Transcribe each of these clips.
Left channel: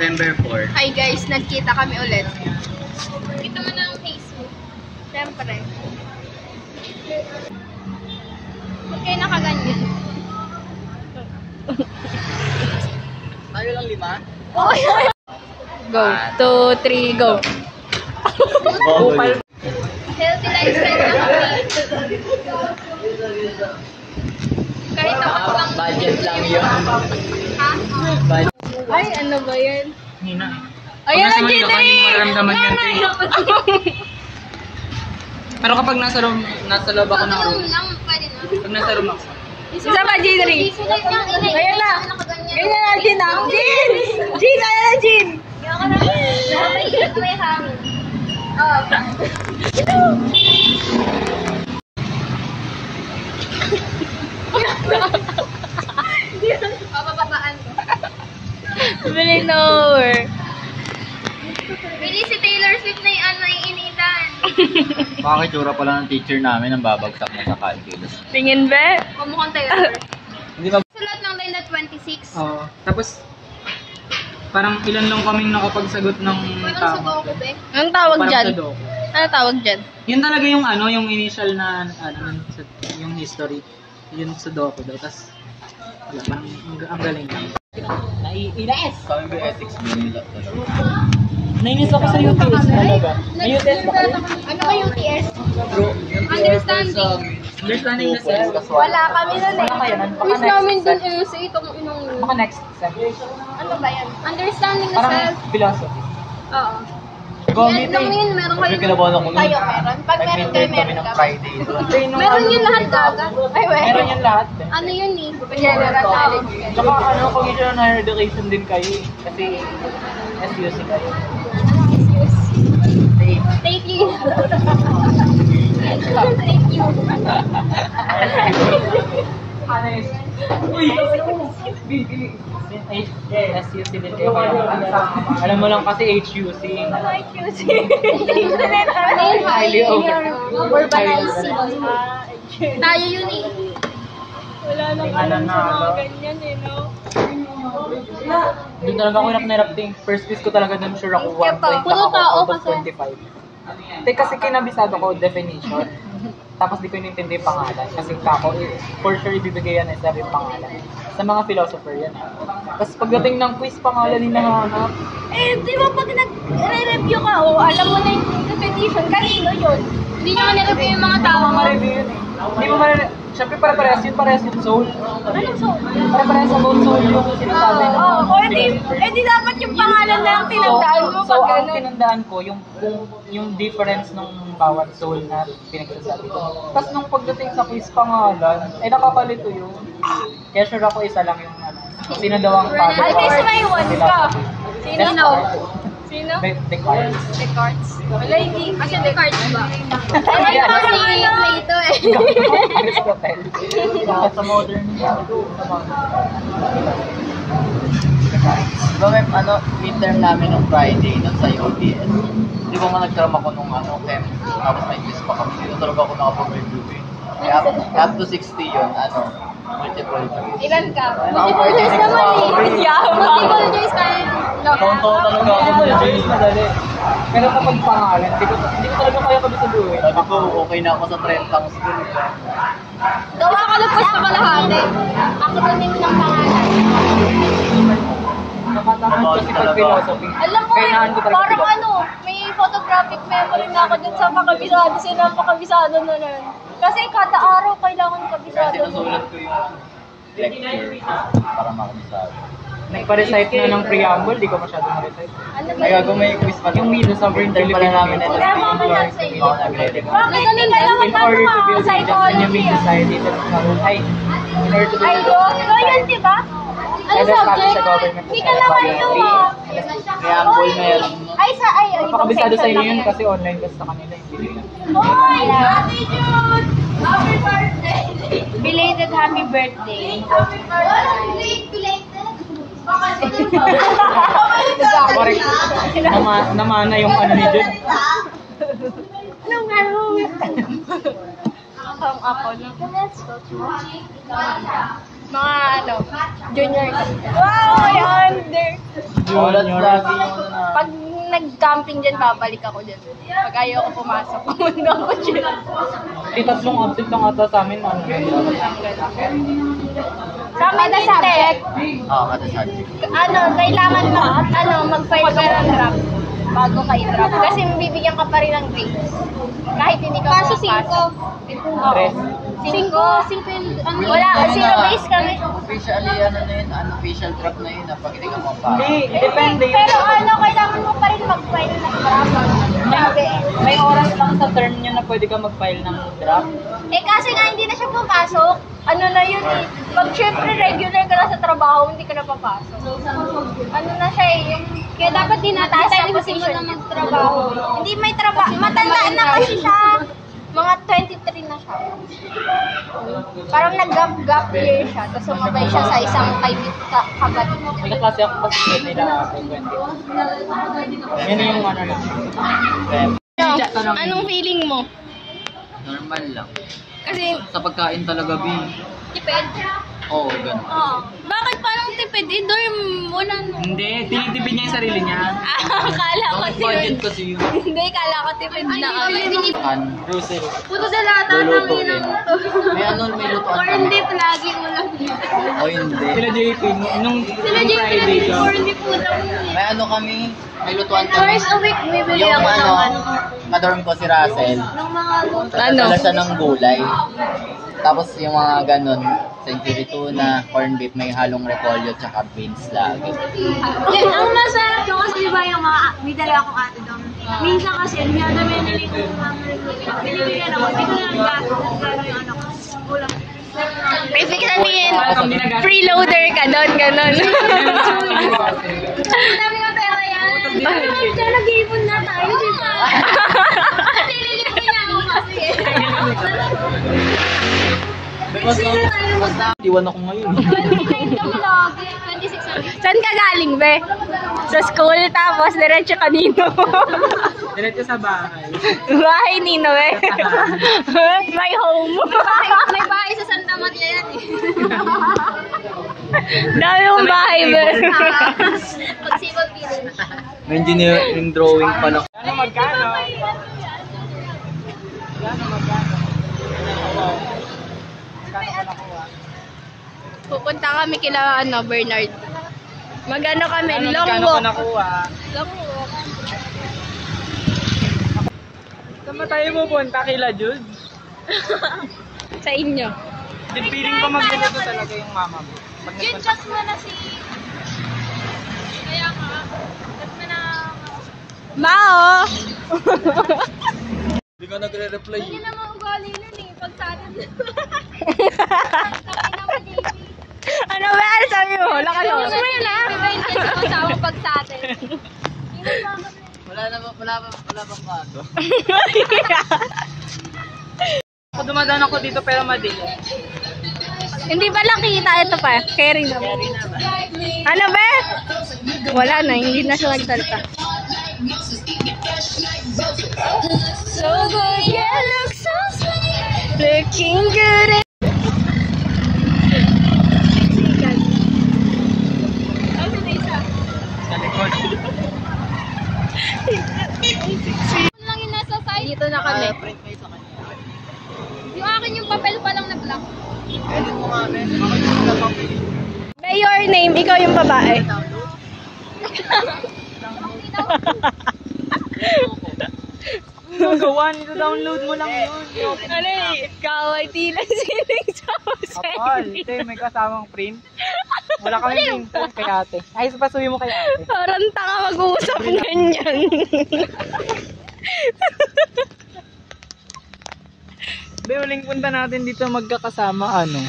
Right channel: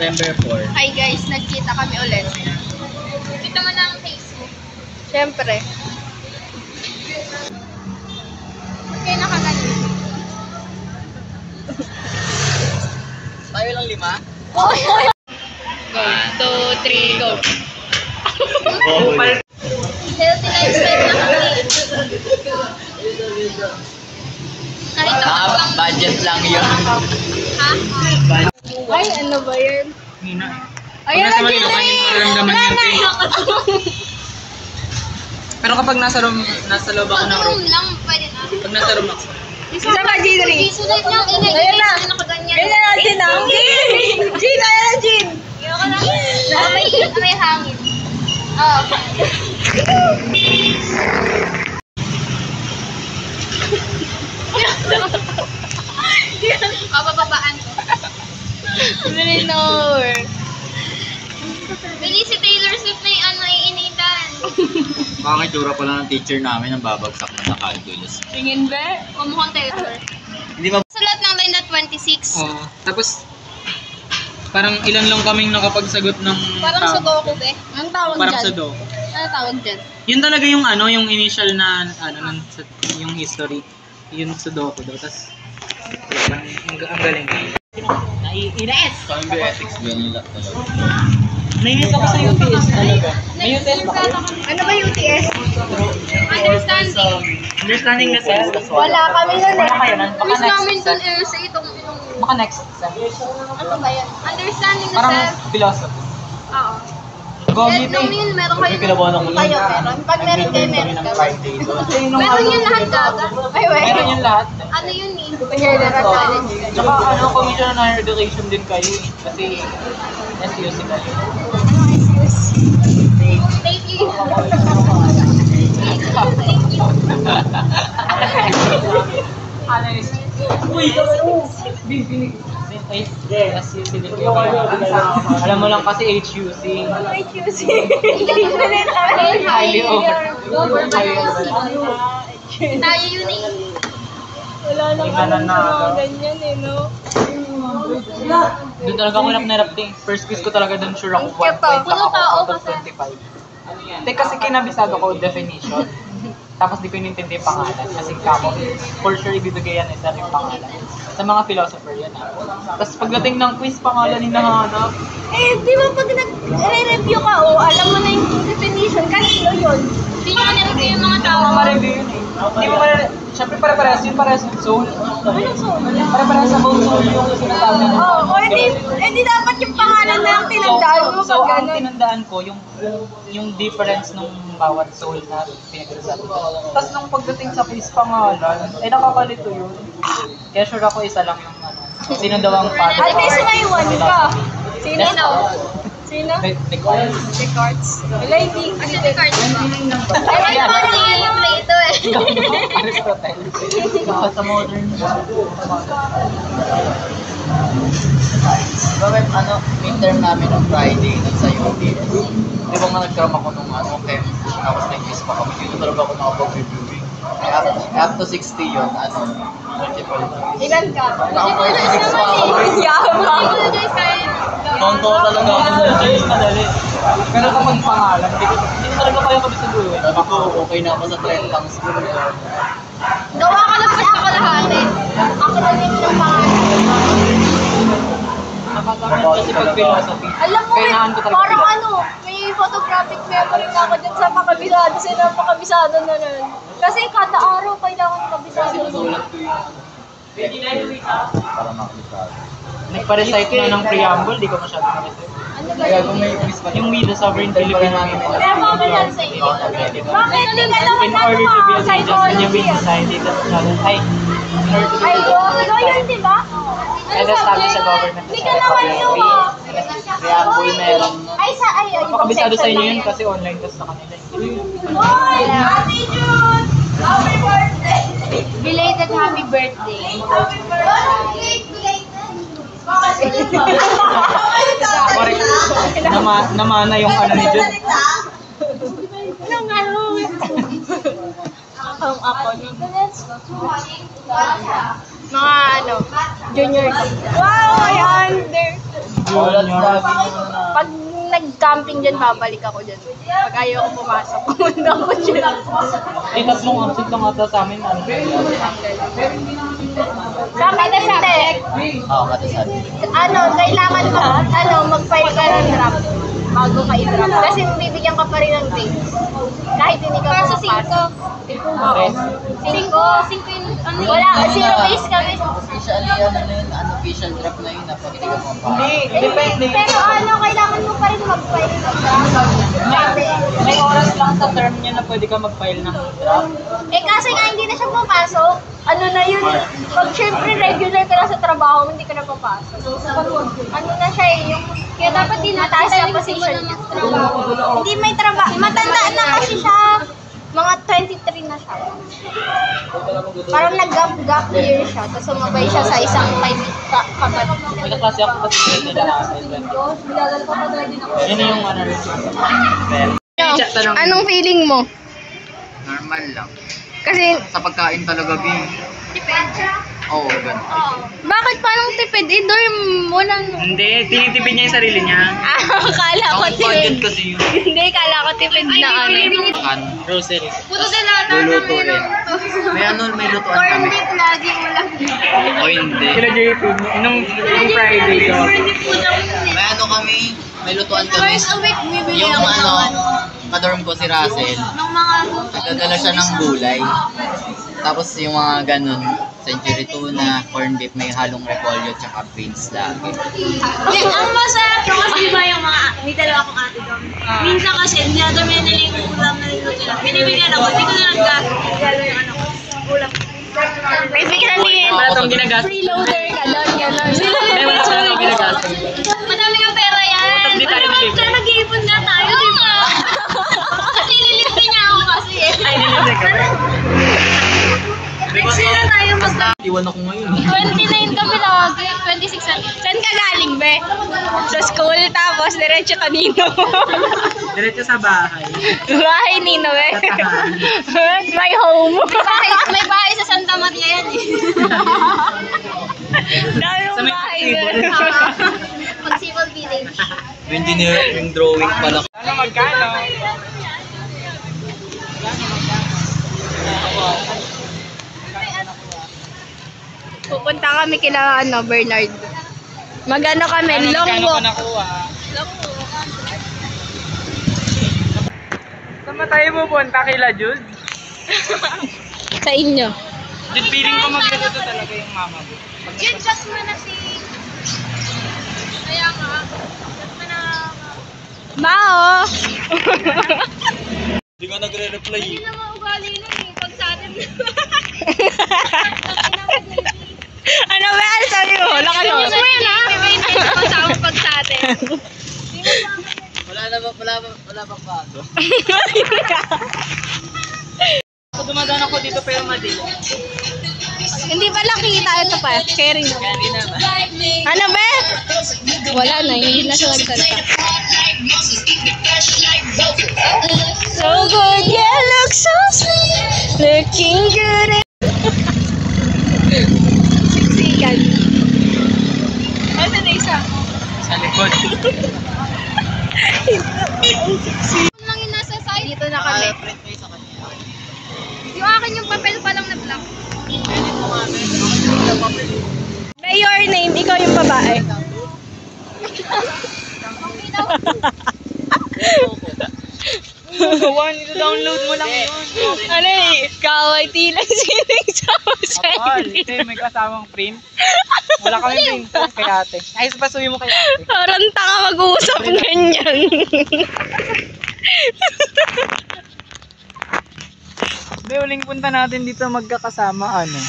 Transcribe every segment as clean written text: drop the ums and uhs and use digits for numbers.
September 4. Hi guys, nagkita kami ulit. Kita mo na ang Facebook. Siyempre. Ba't kayo nakaganti? Tayo lang 5? Go. 2, 3, go. Healthy lifestyle na kami. Kahit ako lang. Budget lang yun. Ha? Ay, ano ba yan? Hina. Ayan ang Jittery! Pero kapag nasa loob ako ng room, Room lang, pwede na. pag nasa room ako, Isa pa, Jittery? Susunod niya, ingay. Ayan na. Nakaganyan. Ganyan na, Jin ah. Jin! Ayan na, Jin! Ayoko na. May hangin. Oo. Papababaan ko. Really nowhere. Bili si Taylor Swift na yung ano, iinitan. makakitsura pala ng teacher namin ang babagsak na sa calculus. Tingin ba? Kumukhang Taylor. Hindi ba? Sa lahat ng line na 26. Tapos, parang ilan lang kaming nakapagsagot ng Parang sa Goku eh. Anong tawag Parang dyan? sa do. Ano tawag dyan? Yun talaga yung ano, yung initial na, yung history. Yun Sudoku daw. Tapos, ang galing. Naiinis! Kami ba ethics ba nila talaga? Nainis ako sa UTS talaga. May UTS ba kayo? Ano ba UTS? Understanding na self. Wala kami nun Wala kayo nun. Baka Quiz namin next dun sem. sa itong inong... Baka next sem. Ano ba yan? Understanding the Parang self. philosophy. Oo. Go Meron meeting. yun, meron kayo. Kinabahan ako nun. Kayo meron. Pag meron kayo, meron ng kami. Friday doon. Meron yun lahat gaga. Ay, wait. Meron yung lahat. Ano yun eh? General knowledge. Tsaka ano, Commission on Higher Education din kayo eh. Kasi SUC kayo. Anong excuse? Thank you. Thank you. Ano is? SUC din kayo. Alam mo lang kasi HUC. Ano HUC? Highly over. Tayo yun eh. Wala nang Tingnan alam na, sa mga no? ganyan eh, no? Doon talaga ako nirap-ting. First quiz ko talaga doon sure ako 1 point lang ako out of 25. Hindi kasi kinabisado ko definition. Tapos di ko inintindi yung pangalan. Kasi kako, for sure ibibigay yan eh sa yung pangalan. Sa mga philosopher yan eh. Tapos pagdating ng quiz, pangalan hinahanap. Eh, di ba pag nag-review ka, alam mo na yung definition, kanino yun? Hindi nyo na-review yung mga Hindi tao. mo ma-review yun eh. Hindi mo ma-review. Siyempre pare-parehas yun, parehas yung soul. Anong soul? Pare-parehas about soul yung sinasabi mo. Oh, edi dapat yung pangalan na ang tinandaan mo So, pag ang gano'n. tinandaan ko, yung difference nung bawat soul na pinagsasabi ko. Tapos nung pagdating sa quiz pangalan, nakakalito yun. Kaya sure ako isa lang yung ano, sino daw ang father. At least may one ka. Sino? Sino? Descartes. Descartes. Wala, hindi. Kasi Descartes ba? Ay, Ano ano si ano? Plato eh. Aristotle. Sa modern. Diba may midterm namin nung Friday nun sa UTS. Di ba nga nagkaroon ako nung chem, tapos may quiz pa kami. Dito talaga ako nakapag-review eh. Up to 60 yun, multiple choice. Ilan ka? Naka-46 pa ako. Yaman. Multiple choice kayo. Tonto talaga ako sa choice, madali. Pero kapag pangalan, hindi ko talaga kaya kabisaduhin. Sabi ko, okay na ako sa 30 school. Gawa ka ng pusta kalahati. Acronym ng pangalan. Nakatamad kasi pag philosophy. Alam mo, Kailangan ko talaga parang philosophy. ano, may photographic memory na ako dyan sa pakabisado. Napakabisado na nun. Kasi kada araw kailangan Kasi kabisado mo. sinusulat ko yung lecture para makabisado. Nagpa-recite na ng preamble, di ko masyado na-recite. Ano ba Kaya yun? kung may quiz pa. Yung We the Sovereign Filipino People. Pero mamalan sa iyo. Bakit ano na naman In order to build a just and humane psychology? society that in order to build Ay, a just ikaw yun, di ba? and establish a government Hindi ka naman yun, ah. Preamble meron. Ay, Napakabisado sa inyo section yun lang kasi online class sa kanila. Hindi yun. Hoy! Ate Jude! Happy birthday! Belated happy birthday. Happy birthday! Belated! Correct. Namana yung ano ni Jun. Anong ano? Ang ako nung. Let's go to Mga junior ko. Wow, yan! Junior. Pag nag-camping dyan, babalik ako dyan. Pag ayaw ko pumasok, pumunta ko dyan. Tatlong absent lang ata sa amin. Ano ba yun? Sa amin hindi. Oo, kada subject. Kailangan mag-file ka ng draft bago ka i-draft. Kasi bibigyan ka pa rin ng grade. Kahit hindi ka Kaso pumapasok. 3. 5 yung ano Wala, 0 days kami. Officially, unofficial draft na yun, pag hindi ka mapasok. Hindi, depende yun. Pero kailangan mo pa rin mag-file ng draft. Sabi. May oras lang sa term nyo na pwede ka mag-file ng draft. Kasi nga hindi na siya pumapasok. Ano na yun eh. Pag syempre regular ka na sa trabaho, hindi ka na papasok. Ano na siya eh, yung Kaya dapat din natin mataas tayo na position. na magtrabaho. Hindi may trabaho. Matanda na kasi siya. Mga 23 na siya. Parang nag-gap year siya. Tapos sumabay siya sa isang kapatid. May kaklase ako kasi nila ay 20. Yan yung ano na. Anong feeling mo? Normal lang. Kasi, Sa pagkain talaga, Bin. Depende. Oo, ganun. bakit parang tipid? Dorm, walang... Hindi, tinitipid niya yung sarili niya. Kala ko Ang budget tipid. kasi yun. Hindi, kala ko tipid na Grocery. Puto din lahat Lulutuin. May lutuan Corn kami. beef lagi ulam. O hindi. Sila JP, nung Friday ka. Corn beef ulam. May kami, may lutuan kami. Twice a week, bibili Yung ako ng kadorm ko si Russell, ng mga dala siya ng gulay. Tapos yung mga ganun, century tuna, corn beef, may halong repolyo, tsaka beans lagi. Ang masarap yung kasi ba yung mga, may dalawa akong ate doon. Minsan kasi, dinadami na nila yung ulam na niluto nila. Binibigyan ako, hindi ko na nagkalo yung ano ko, ulam. Ibig sabihin, Para itong ginagastos. freeloader ka doon, gano'n. Madami ng pera yan. Ano naman siya, nag-iipon nga tayo, di ba? Kasi nililipi niya ako kasi eh. Next year na tayo Iwan ako ngayon. 29 kami lagi, 26 ano. Saan ka galing, be? Sa school, tapos diretso kanino. Diretso sa bahay. Bahay nino, be. My home. May bahay sa Santa Maria yan eh. Dami mong bahay, be. Pag-civil village. May engineering drawing pa lang. Ano magkano? Magkano? Pupunta kami kila Bernard. Magano kami, long Magkano walk. ko nakuha? Long walk. Saan ba tayo pupunta kila Jude? Sa inyo. Jude, feeling ko magluluto talaga yung mama mo. Yun, chat mo na si... Kaya nga. Chat mo na... Mao! Hindi ka nagre-reply. Hindi na maugali nun eh. Pag sa atin. Ano ba? Ano sabi mo? Wala ka Yun mo yun ah. May maintain ako sa akong pag sa atin. Wala bang bago? Dumadaan ako dito pero madali. Hindi ba lang kita? Ito pa. Carry na. Ano ba? Wala na. Hindi na siya nagsalita. So good, yeah, look so sweet. Looking good. Siksikan. Nasaan na isa? Sa likod. lang yung nasa side. Dito na kami. Print kayo sa kanya. Yung akin yung papel pa lang na black. By your name, ikaw yung babae. One, download mo lang yun. Ano eh? Kaway tilang sinig sa Kapal, ito may kasamang print. Wala kami print po kay ate. Ay, pasuwi mo kay ate. Parang taka mag-uusap ganyan. Be, huling punta natin dito magkakasama, ano?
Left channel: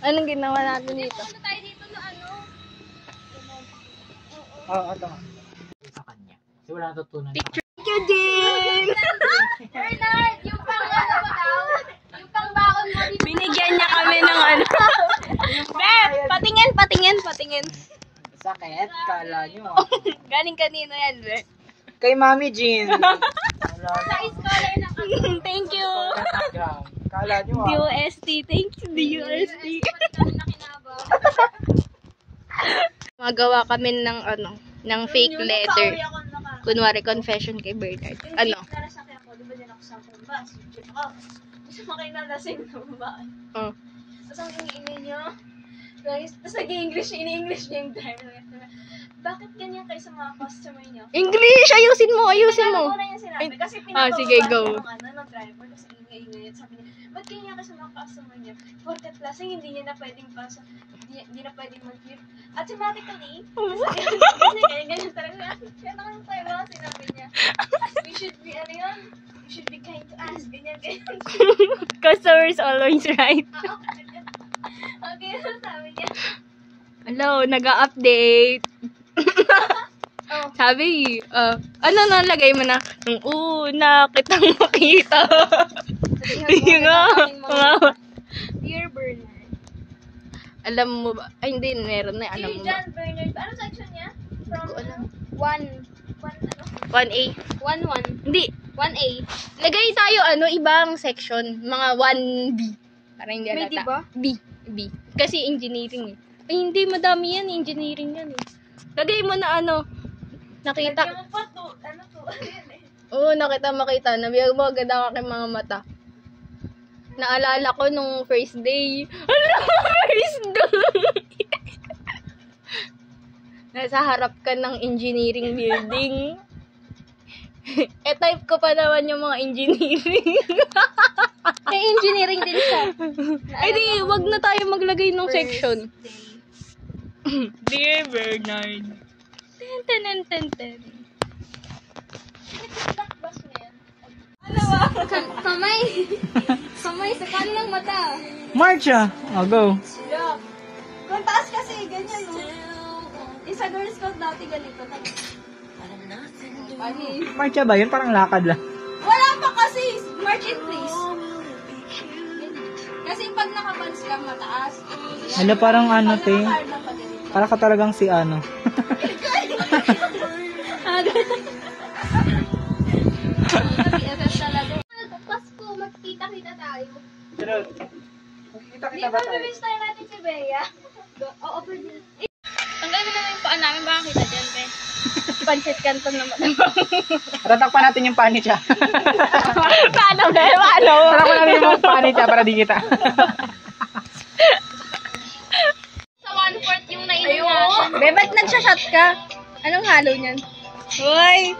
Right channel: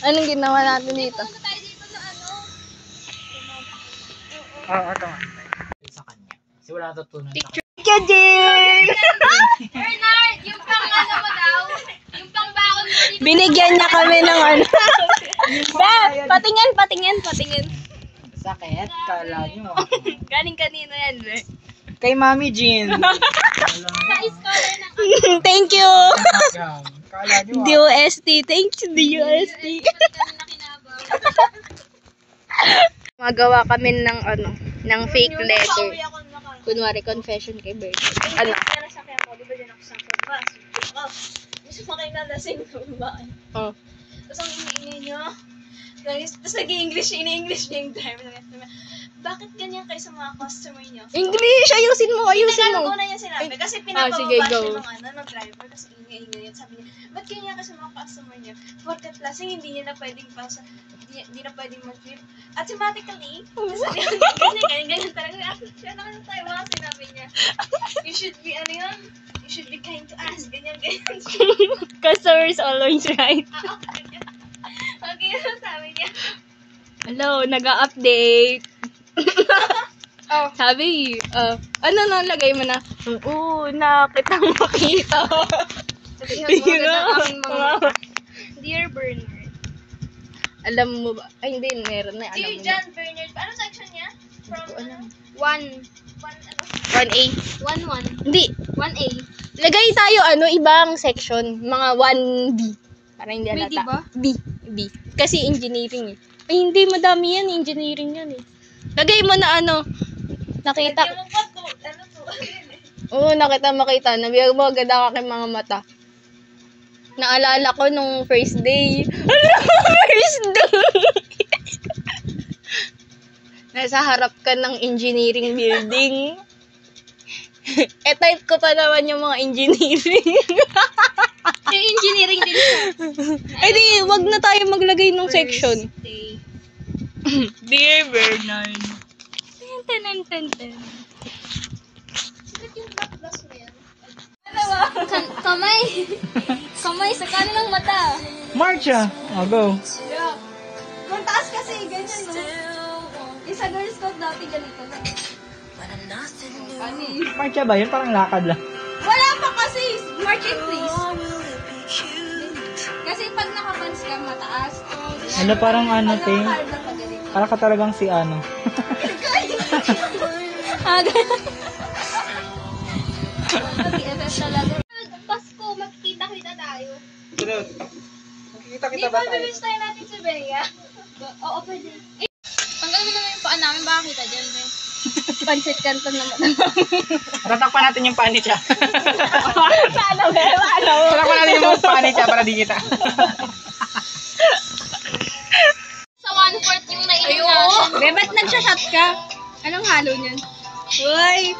Anong ginawa natin dito? Oo, ito nga. Sa kanya. Kasi wala natutunan sa kanya. Kajin! Bernard, yung pang ano mo daw? Yung pang baon mo dito. Binigyan niya kami ng ano. Beb, patingin. Sakit, kala nyo. Galing kanino yan, Beb? Kay Mami Jean. Sa scholar na. Thank you! Kala nyo ah. DOST. Thanks, DOST. Magawa kami ng ng fake letter. Kunwari confession kay Bernard. Ano? Gusto mo kayo nalasing na babae. Oh. Tapos ang ingay nyo. Tapos nag-i-English niya yung driver. Bakit ganyan kayo sa mga customer nyo? English! Ayusin mo! Ayusin mo! Pinagawa na niya sinabi. Kasi sige, pinapababa go. siya ng driver. Kasi ingay-ingay yun. Sabi niya, ba't ganyan kayo sa mga customer nyo? Porket lasing, hindi niya na pwedeng pasa, hindi na pwedeng mag-trip. Automatically, ganyan talaga. Siya na kayo tayo mga sinabi niya. You should be, you should be kind to us. Ganyan. Customer is always right. Okay, sabi niya. Hello, nag-update. Sabi, ano nalagay mo na? Nung una kitang makita. Sabihin mo Dear Bernard. Alam mo ba? Ay, hindi, meron na. Dear Alam mo ba? John Bernard. Anong section niya? From 1A. 1-1. Hindi. 1A. Lagay tayo, ibang section. Mga 1B. Para hindi May alata. D ba? B. Kasi engineering eh. Ay, hindi. Madami yan. Engineering yan eh. Lagay mo na nakita. Hindi mo pa to. Oo, makita. Nabiyag mo agad ang aking mga mata. Naalala ko nung first day. First day! Nasa harap ka ng engineering building. Type ko pa naman yung mga engineering. Yung engineering din siya. Eh di, wag na tayo maglagay ng section. Dear Bernard. Ten. Kamay sa kanang mata. Marcha! Oh, go. Kung taas kasi, ganyan no. Yung sa Girl Scout dati ganito na. Marcha ba? Yung parang lakad lang. Wala pa kasi! March it please. Kasi pag nakapans ka, mataas. Ano parang ano, Pag te? nakakarga pa ganito. Para ka talagang si ano. Pasko, magkita-kita tayo. Makikita kita ba tayo? Pag-release tayo natin si Bea. Oo, pwede. Tanggalin mo naman yung paa namin, baka kita dyan, Be. Pancit canton naman. Tatakpan natin yung panit siya. Paano, Be? Paano? Tatakpan natin yung panit siya para di kita. Sa 1/4 yung nainom natin. Be, ba't nagsashot ka? Anong halo niyan? Uy!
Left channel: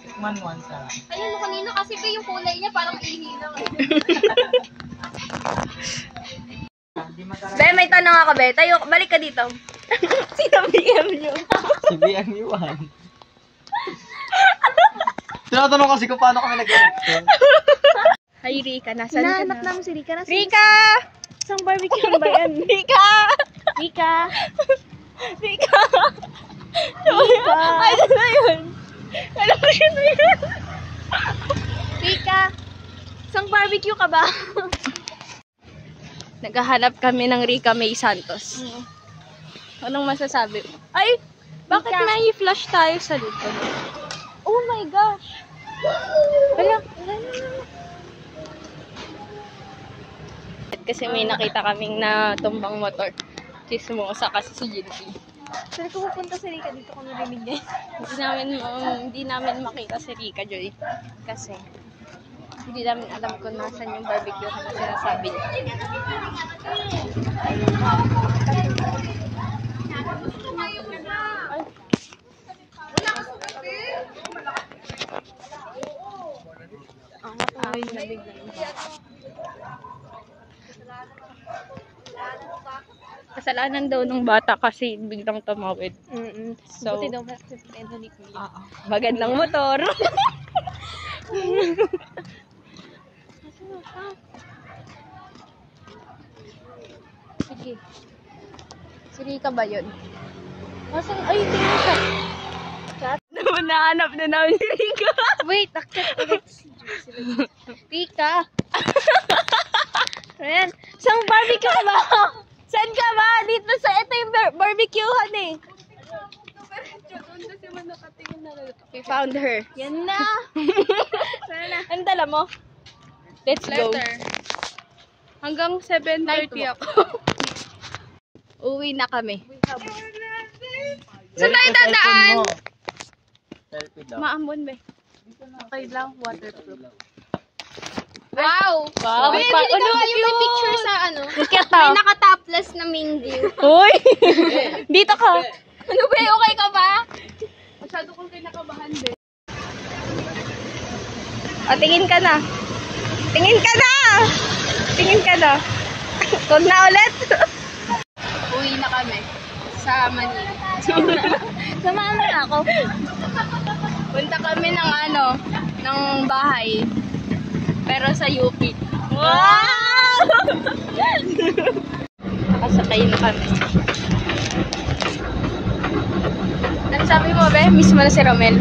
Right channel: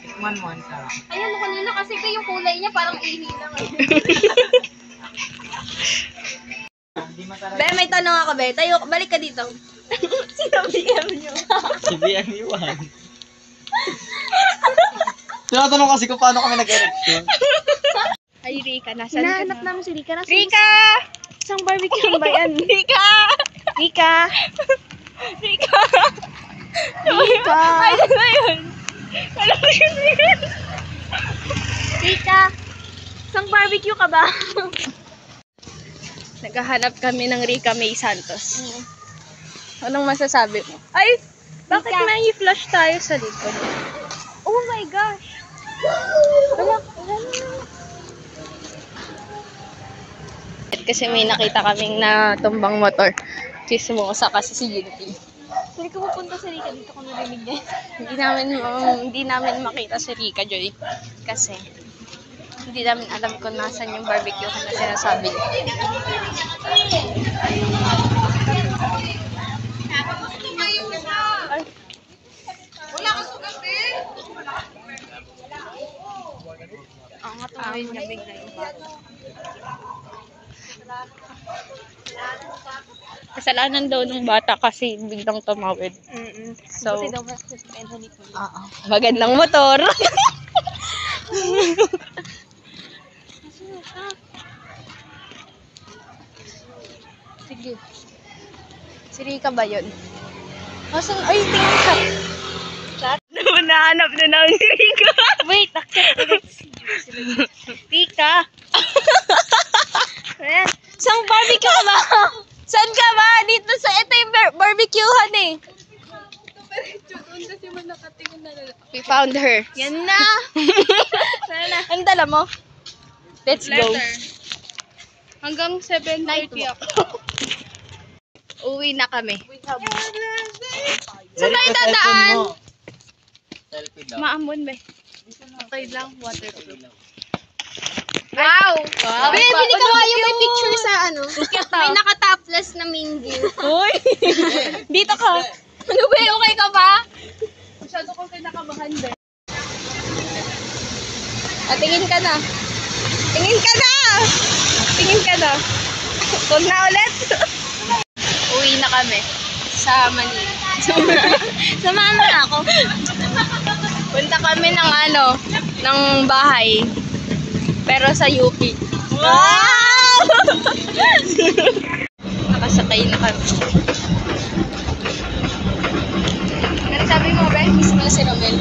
Tikman mo, ang sarap. Ayan, kanina kasi ko yung kulay niya parang ihi lang. Hindi masarap. Be, may tanong ako, Be. Tayo, balik ka dito. Sino BM nyo? Si BMU1. Tinatanong kasi kung paano kami nag-erection. Ay, Rika, nasan ka Hinahanap na? namin si Rika. Rika! Isang barbecue ba yan? Rika! Rika! Rika! Rika! Ay, ano na yun? Ano na yun? Rika! Isang barbecue ka ba? Naghahanap kami ng Rika May Santos. Anong masasabi mo? Ay! Bakit Rika. na-flash tayo sa likod? Oh my gosh! Wala. Kasi may nakita kaming natumbang motor. Chismosa kasi si Jinky. Saan ko pupunta si Rika dito kung narinig niya? Hindi namin makita si Rika, Joy. Kasi hindi namin alam kung nasan yung barbecue na sinasabi niya. Ang matawin na bigay. Kasalanan daw ng bata kasi biglang tumawid. So, Buti daw ba si friend ni ko? magandang motor. Sige. Si Rika ba yun? Asan? Ay, tingnan siya. Chat? Nahanap na namin si Rika. Wait, akit ulit. Rika. Ayan. Saan barbecue ka ba? Saan ka ba? Dito sa ito yung barbecuehan eh. Kasi mo nakatingin na lang. We found her. Yan na! Ang dala mo? Let's go. Hanggang 7:30 Night walk. ako. Uwi na kami. Saan tayo dadaan? Selfie daw. Maamon ba? Okay lang, waterproof. Wow! Wow. May bili ka kayo may picture sa ano? May naka-topless na minggu. Uy! Dito ka! Ano ba? Okay ka ba? Masyado kong kinakabahan ba? O, tingin ka na. Tingin ka na! Tingin ka na. Huwag na ulit. Uwi na kami sa Manila. Samahan mo na ako. Punta kami ng ng bahay. Pero sa UP. Wow! Nakasakay na kami. Ano sabi mo, be? Miss mo na si Romel.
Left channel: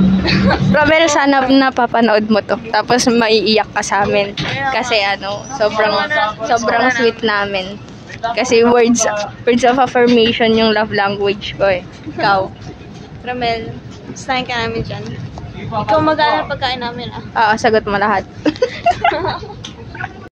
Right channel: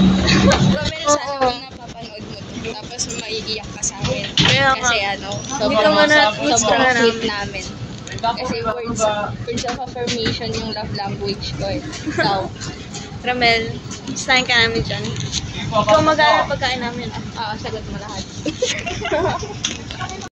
Romel, sana napapanood mo to. Tapos maiiyak ka sa amin. Kasi sobrang sweet namin. Kasi words of affirmation yung love language ko eh. Ikaw. Ramel, gustahin ka namin dyan. Ikaw mag-aaral pagkain namin ah. Oo, sagot mo lahat.